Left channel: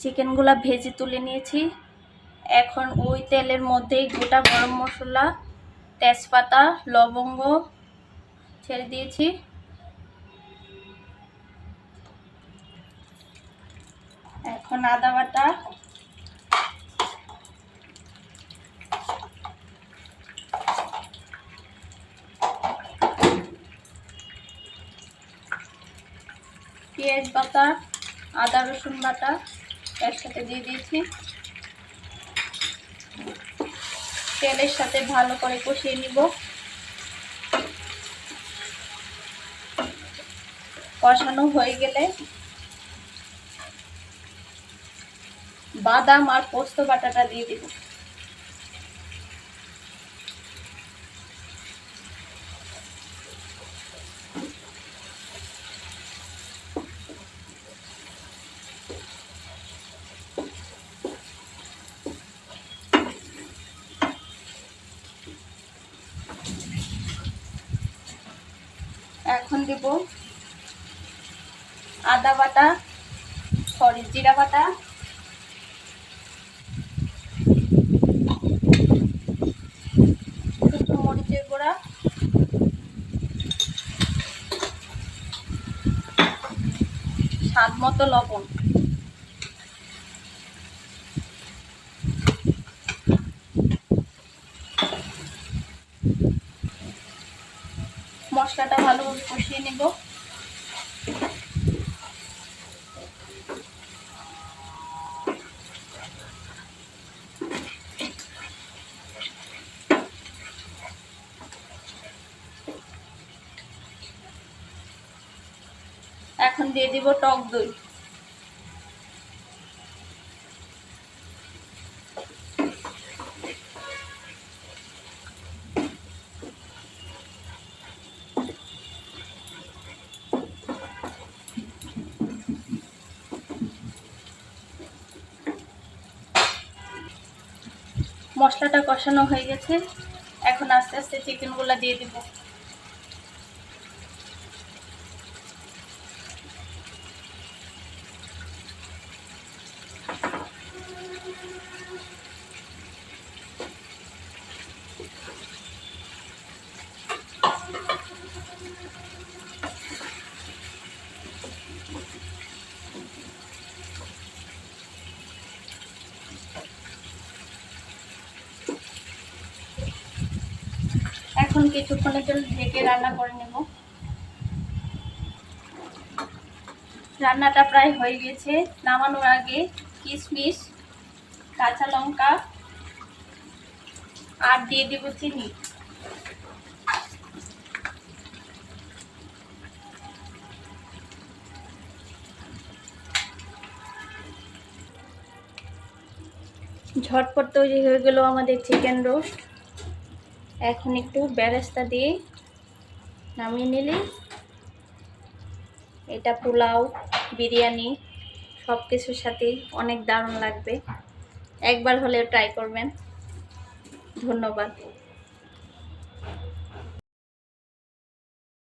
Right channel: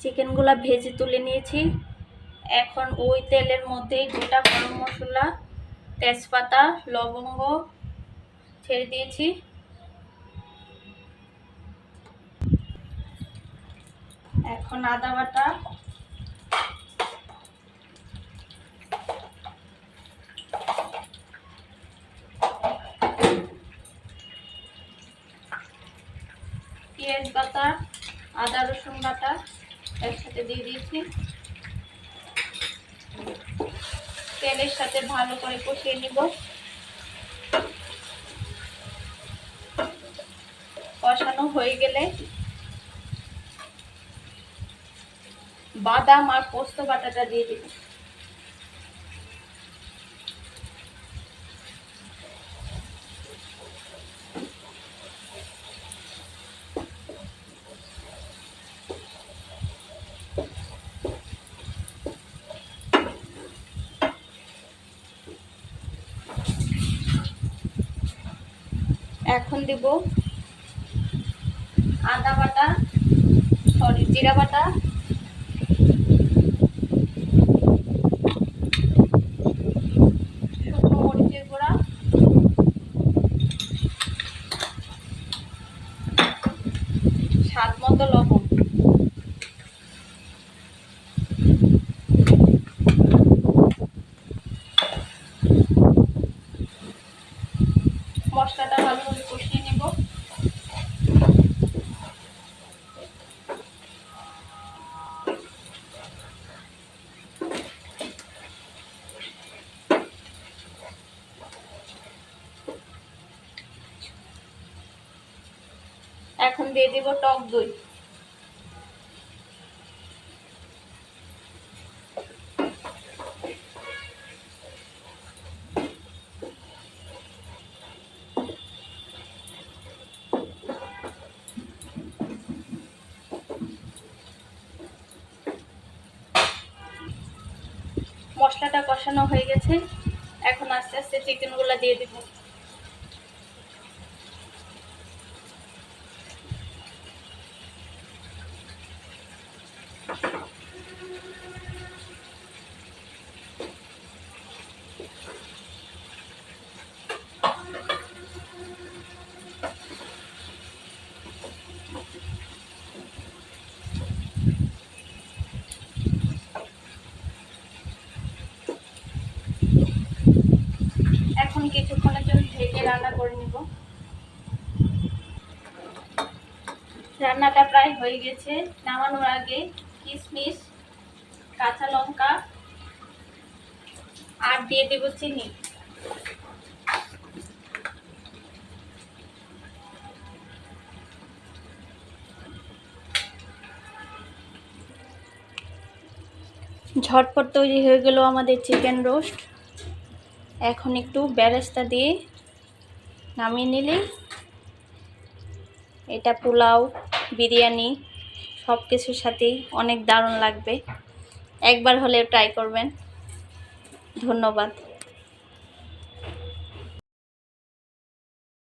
চিকেনগুলা ভেজে তুলে নিয়েছি। এখন ওই তেলের মধ্যেই গোটা গরম মশলা, তেজপাতা, লবঙ্গ ছেড়ে দিয়েছি। এখন আদা বাটা, পেঁয়াজ বাটা, আদা রসুন বাটা একসাথে দিয়ে দিয়েছি। তেলের সাথে ভালো করে কষিয়ে নিব। কষানো হয়ে গেলে বাদাম আর পোস্ত বাটাটা দিয়ে দিব। এখন দিব আদা বাটা, জিরা বাটা, শুকনো মরিচের গুঁড়া, স্বাদ মতো লবণ। মশলাটা ভালোভাবে কষিয়ে নেব। এখন দিয়ে দিব টক দই। মশলাটা কষানো হয়ে গেছে। এখন আস্তে আস্তে চিকেনগুলো দিয়ে দিব। এখন কিছুক্ষণের জন্য ঢেকে রান্না করে নেব। রান্নাটা প্রায় হয়ে গেছে। নামানোর আগে কিশমিশ, কাঁচা লঙ্কা আর দিয়ে দেব চিনি। ঝটপট তৈরি হয়ে গেল আমাদের চিকেন রোস্ট। এখন একটু বেরেস্তা দিয়ে নামিয়ে নিলে এটা পোলাও, বিরিয়ানি সব কিছুর সাথেই অনেক দারুণ লাগবে। একবার হলেও ট্রাই করবেন। ধন্যবাদ।